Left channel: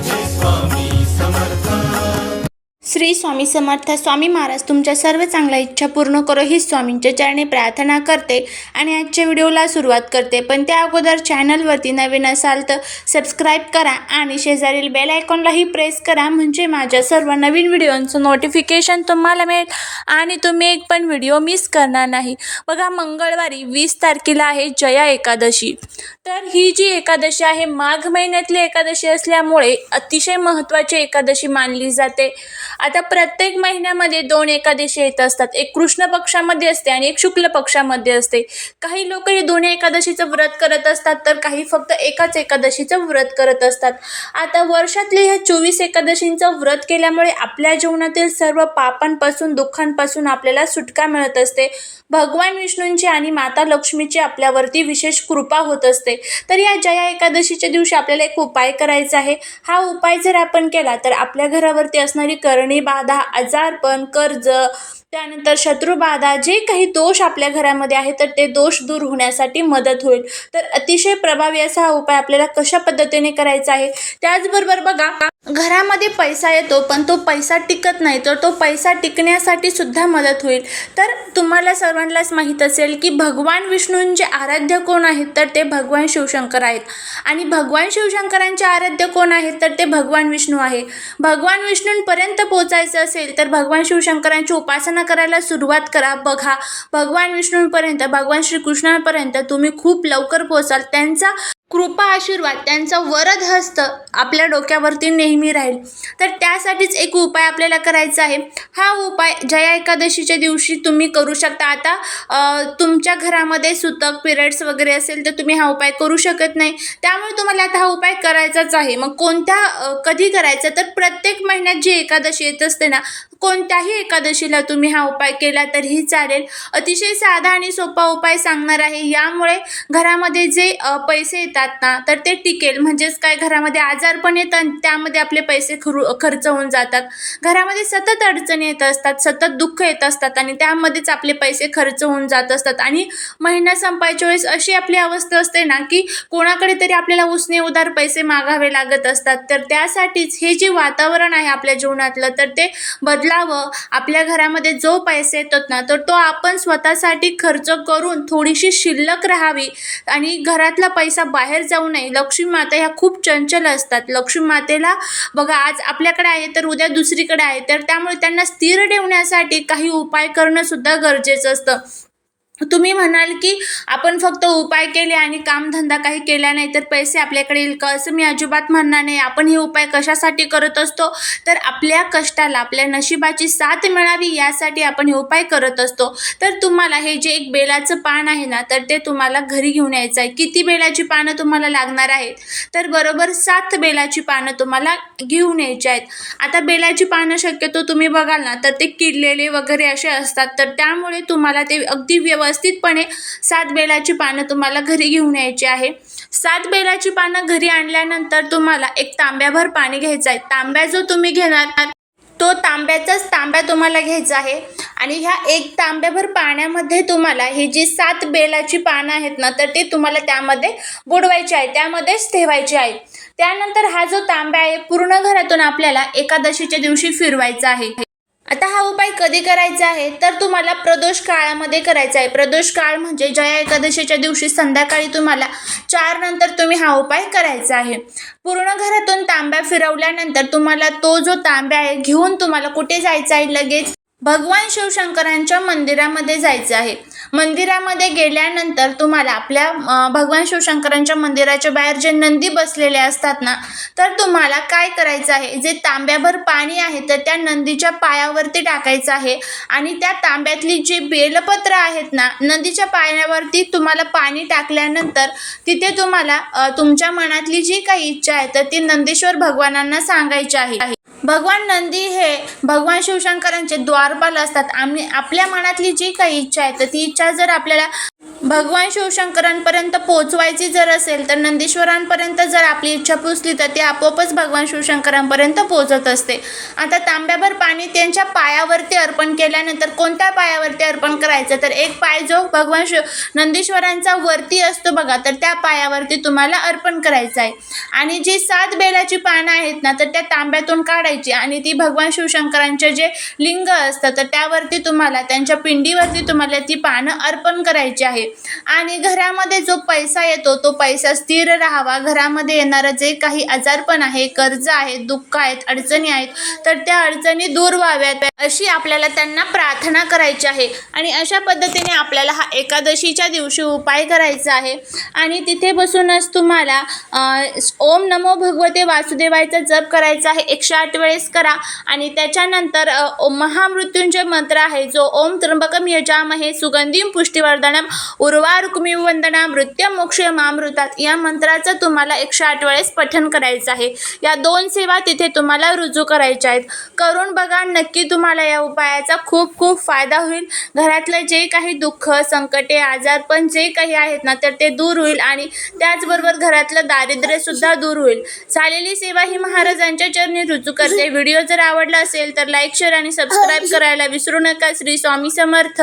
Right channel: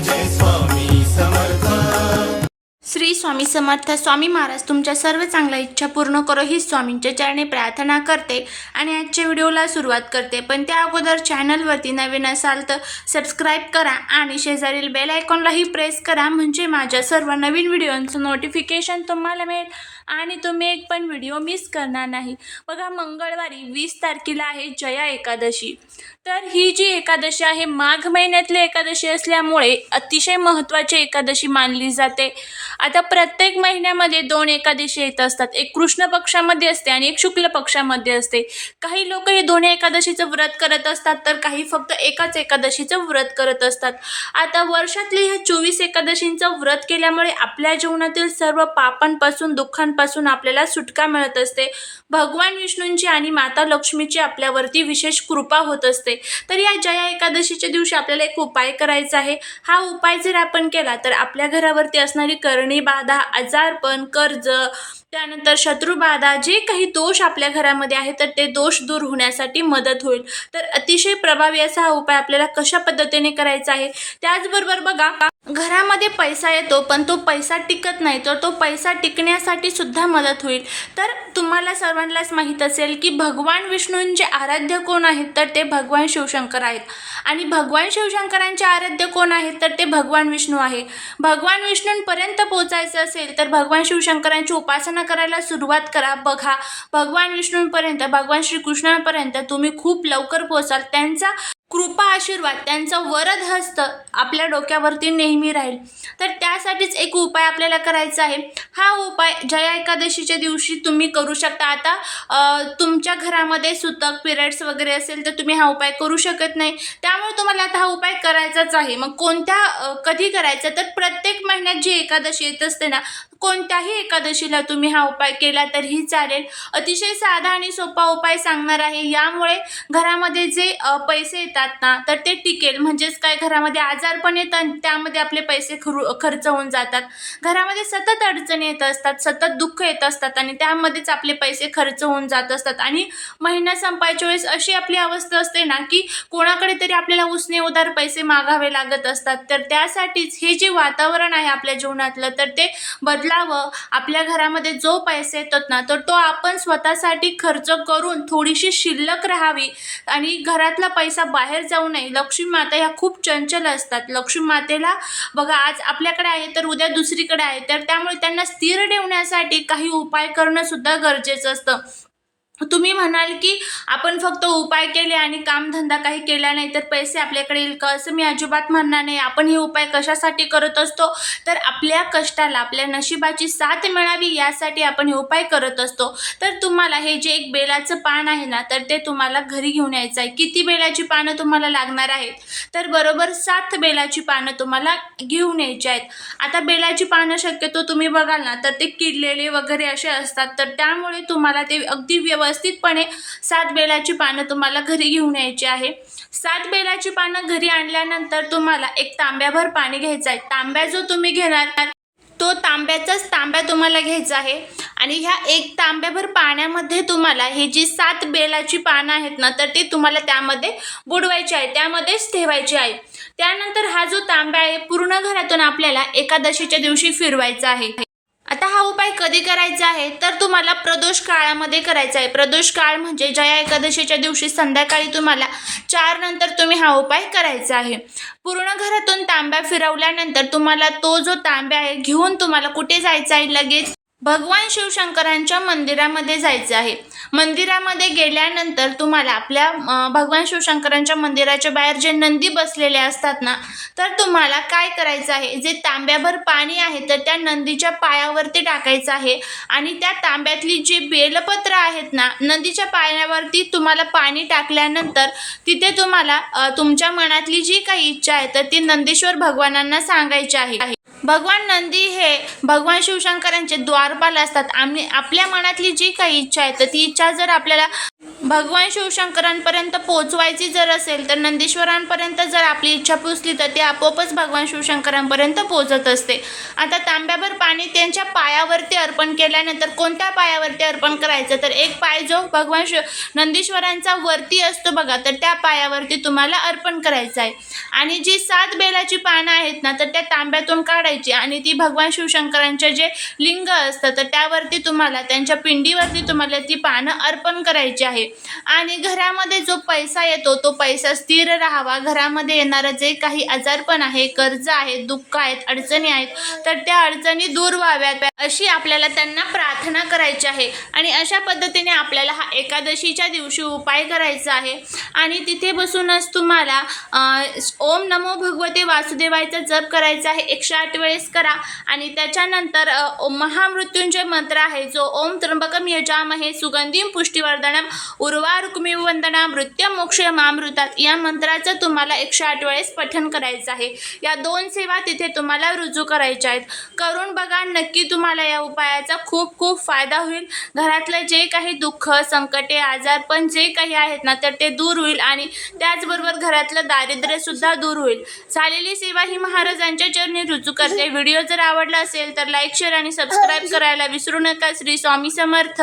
this one. Shri Swami Samarth Swami Maharaj तुमच्या सर्व चांगल्या इच्छा पूर्ण करो ही स्वामींच्या चरणी प्रार्थना करते आणि आजच्या व्हिडिओला सुरुवात करते. पण त्या अगोदर चॅनलवरती नवीन असाल तर सबस्क्राईब करा आणि शेजारील बेल आयकॉनलाही प्रेस करा म्हणजे माझ्या सर्व नवीन व्हिडिओंचं नोटिफिकेशन तुम्हाला मिळेल आणि तुम्ही एक पण व्हिडिओ मिस करणार नाही. बघा मंगळवारी वीस तारखेला आहे जया एकादशी. तर ही जी एकादशी आहे माघ महिन्यातली एकादशी असल्यामुळे अतिशय महत्त्वाची एकादशी मानली जाते. आता प्रत्येक महिन्यामध्ये दोन एकादशी येत असतात. एक कृष्ण पक्षामध्ये असते आणि एक शुक्ल पक्षामध्ये असते. काही लोक हे दोन्ही एकादशीचं व्रत करत असतात तर काही फक्त एकाच एकादशीचं व्रत करत असतात. आता वर्षातले ह्या चोवीस एकादशींचं व्रत केल्यामुळे आपल्या जीवनातील सर्व पापांपासून दुःखांपासून आपल्याला सुटका मिळत असते. भगवान विष्णूंची आणि माता लक्ष्मीची आपल्यावरती विशेष कृपा होत असते. तर या जया एकादशीच्या दिवशी आपल्याला एक उपाय करायचा आहे. हा उपाय जर आपण केला तर आपल्या घरावरती असणारी करणी बाधा आजारपण कर्ज त्यानंतर शत्रुबाधा जे काही दोष आपल्या घरामध्ये आहे तर ते दोष दूर होण्यासाठी मदत होईल. तर अतिशय प्रभावी असा हा उपाय आपल्याला कशा पद्धतीने करायचा आहे त्याचबरोबर बघा घरामध्ये पैसा येतो पण तो पैसा टिकत नाही तर तो पैसा टिकण्यासाठी सुद्धा मदत होईल. तर तुम्हाला सर्वांनाच माहीत असेल की भगवान विष्णूंचे आराध्य कोण आहेत तर ते भगवान शिवशंकर आहेत. आणि भगवान शिवशंकरांचे आराध्य कोण आहेत? तर ते भगवान विष्णू आहे. भगवान विष्णूंपर्यंत पोचायचं असेल तर भगवान शिवशंकरांची उपासना करायला सुरुवात करा. बघा भगवान विष्णूंपर्यंत भगवान श्रीकृष्णांपर्यंत तुम्ही खूप लवकर पोचाल. त्यांचा कृपा आशीर्वाद त्यांचा वरद हस्त आपल्या डोक्यावरती नेहमी राहील. तर त्यासाठीच एक उपाय आपल्याला करायचा आहे. हा उपाय जया एकादशीच्या दिवशी तुम्ही करू शकता. आता तुमच्या घरामध्ये सुतक पिरियड्स वगैरे असेल तर तुम्ही हा उपाय करू शकत नाही. त्यामुळे तुम्हाला आता हा उपाय करायचाच आहे. मग कोणत्या कधी करायचा? तर प्रत्येक महिन्यात जी एकादशी येत असते ना कोणत्याही एकादशीला तुम्ही हा उपाय केला तरीही चालेल. अतिशय साधा आणि सोपा उपाय सांगणार आहे. यामुळे घरामध्ये जे पैसे येतात ना तर ते टिकेल. म्हणजेच काय? घरामध्ये आजार पण येतात आणि त्यामध्ये आपले पैसे खरू खर्च होऊन जातात. घरामध्ये सतत अडचणी येत असतात सतत दुःख येत असतात आणि त्यामध्येच आपले पैसे खर्च होऊन जात असतात. आणि महिना संपायच्या वेळेस अशी आपली अवस्था असते ना की कोणाकडे तरी आपल्याला उसने उधार पैसे मागावे लागत असतात. तर त्यासाठीच हे जे वातावरण आहे आपल्या जीवनातलं तर ते बदल बदलावं आपल्या घरामध्ये जो पैसे येतात ना तर तो आपण स्वतःसाठी खर्च करून थोडीशी शिल्लक राहावी. आणि घरातला पैसा बाहेर जाऊ नये. लक्ष्मी माता ह्या खूप चंचल असतात. लक्ष्मी मातेला बघा आज आपल्याकडे आहे तर उद्या दुसरीकडे आहे. तर त्यामुळे त्यांना स्थिर ठेवण्यासाठी काही उपाय करणं सुद्धा गरजेचं असतं. तुम्ही म्हणाल की आपण फक्त उपाय केले आणि कामधंदा काही केला नाही तर पैसे आपल्याकडे येईल का? असं मी अजिबात म्हणणार नाही. आपण हे उपाय कशासाठी करत असतो? तर आपल्या कष्टाला आपल्या नशिबाची साथ मिळावी यासाठी आपण हे उपाय करत असतो. तर तुम्हाला हे जे एक बेलाचं पान आहे ना तर ते तुम्हाला घरी घेऊन यायचं आहे. किती बेलाची पानं तुम्हाला लागणार आहेत? तर बरोबर सात बेलाची पानं तुम्हाला घेऊन यायची आहेत. आता बेलाची पानं शक्यतो तुम्ही बघाल ना तर ते किडलेले वगैरे असे असतात. तर त्यामुळे तुम्हाला ते अगदी व्यवस्थितपणे सात बेलाची पानं तुम्हाला घरी घेऊन यायची आहे. सात बेलाची पानं घरी आणल्यानंतर तुम्हाला एक तांब्याभर पाणी घ्यायचं आहे. तांब्या जो तुम्ही घेणार तो तांब्याचाच तांब्या तुम्हाला घ्यायचा आहे. आणि ह्या एक तांब्याभर पाण्यामध्ये तुम्हाला हे जी सात बेलाची पानं आहेत ना तर ते तुम्हाला त्यामध्ये बुडवायची आहे त्यामध्येच ठेवायची आहे. त्यानंतर हा जो तांब्या आहे पूर्ण घरातून आपल्याला एकादशीच्या दिवशी फिरवायचा आहे. आता हा उपाय कधी करायचा आहे? तर तुम्हाला प्रदोष काळामध्ये करायचा आहे. प्रदोष काळ म्हणजे जया एकादशीच्या दिवशी संध्याकाळी तुम्हाला चार नंतर तुम्ही हा उपाय करायचा आहे. पूर्ण घरातून तांब्या फिरवल्यानंतर तुम्हाला तो जो तांब्या आहे घेऊन तुम्हाला कुठे जायचं आहे? लगेच भगवान शिवशंकरांच्या मंदिरामध्ये जायचं आहे. मंदिरामध्ये गेल्यानंतर तुम्हाला आपल्या भगवान शिवशंकरांच्या मंदिराच्या बाहेर जे नंदी बसलेले असतात ना तर तुम्हाला काय करायचं आहे? जे तांब्याभर पाणी आहे तर त्या नंदीच्या पायावरती टाकायचं आहे आणि त्या तांब्यातली जी बेलपत्र आहेत ना नंदीच्या पायावरती तुम्हाला पाणी टाकल्यानंतर तिथे तुम्हाला तुमच्या मनातली जी काही इच्छा आहे तर ती नंदीश्वर भगवानांना सांगायची आहे. भगवान नंदी हे भगवान शिवशंकरांचे द्वारपाल असतात. आम्ही आपल्या मनातली जी काही इच्छा आहे तर ती इच्छा जर आपल्याला भगवान शिवशंकरांपर्यंत पोहोचवायची जर असेल तर नंदीश्वरांपर्यंत जर आपली इच्छा पुसली तर ते आपोआपच भगवान शिवशंकरांपर्यंत पोहोचत असते. आता तांब्याभर पाणी त्यांच्या पायावरती अर्पण केल्यानंतर कोणत्या पायावरती अर्पण करायचं? तर एक पाय जो भगवान शिव नंदीश्वरांचा वरती असतो बघा तर त्या पायावरती तुम्हाला अर्पण करायचं आहे. आणि जी सात बेलाची पानं आहेत ना तर त्या तांब्यातून काढायची आणि ती भगवान शिवशंकरांचे जे लिंग असतं तर त्यावरती तुम्हाला त्यांच्या पिंडीवरती तुम्हाला ती पानं अर्पण करायची आहे. आणि घरामध्ये जो पैसा येतो तो पैसा स्थिर राहावा. घरामध्ये येणारं जे काही आजारपण आहे कर्ज आहे दुःख आहेत अडचणी आहेत तर त्या अडचणी दूर व्हाव्यात. अशी आपल्याला त्यांना प्रार्थना करायची आहे. आणि अशा पद्धतीने आपल्याला हा एकादशीच्या दिवशी उपाय करायचा आहे. आणि तिथे बसूनच तुम्हाला ओम नमो भगवते वासुदेवायचा जप करायचा आहे. एकशे आठ वेळेस करा. आणि त्याच्यानंतर अं, महामृत्युंजय मंत्र आहे. जो ओम त्र्यंबकम यजामहे सुगंधीम पुष्टिवर्धनम उर्वारुक्मी वंदना मृत्यू मोक्ष मामृतात या मंत्राचं तुम्हाला एकशे आठ वेळेस पठन करायचं आहे. या दोन सेवा तिथे तुम्हाला रुजू करायच्या आहेत. करून बघा नक्की तुम्हाला या उपायाचा खूप खूप फायदा होईल. घरातलं जे काही दुःख संकटे आजार पण जे काही आहेत ना तर ते दूर होईल आणि त्याचबरोबर घरातलं दारिद्र्यसुद्धा दूर होईल. झालेली सेवा ही महाराजांच्या चरणी रुजू करते. व्हिडिओ जर आवडला असेल तर लाईक शेअर आणि सबस्क्राईब करायला विसरू नका. श्री स्वामी समर्थ.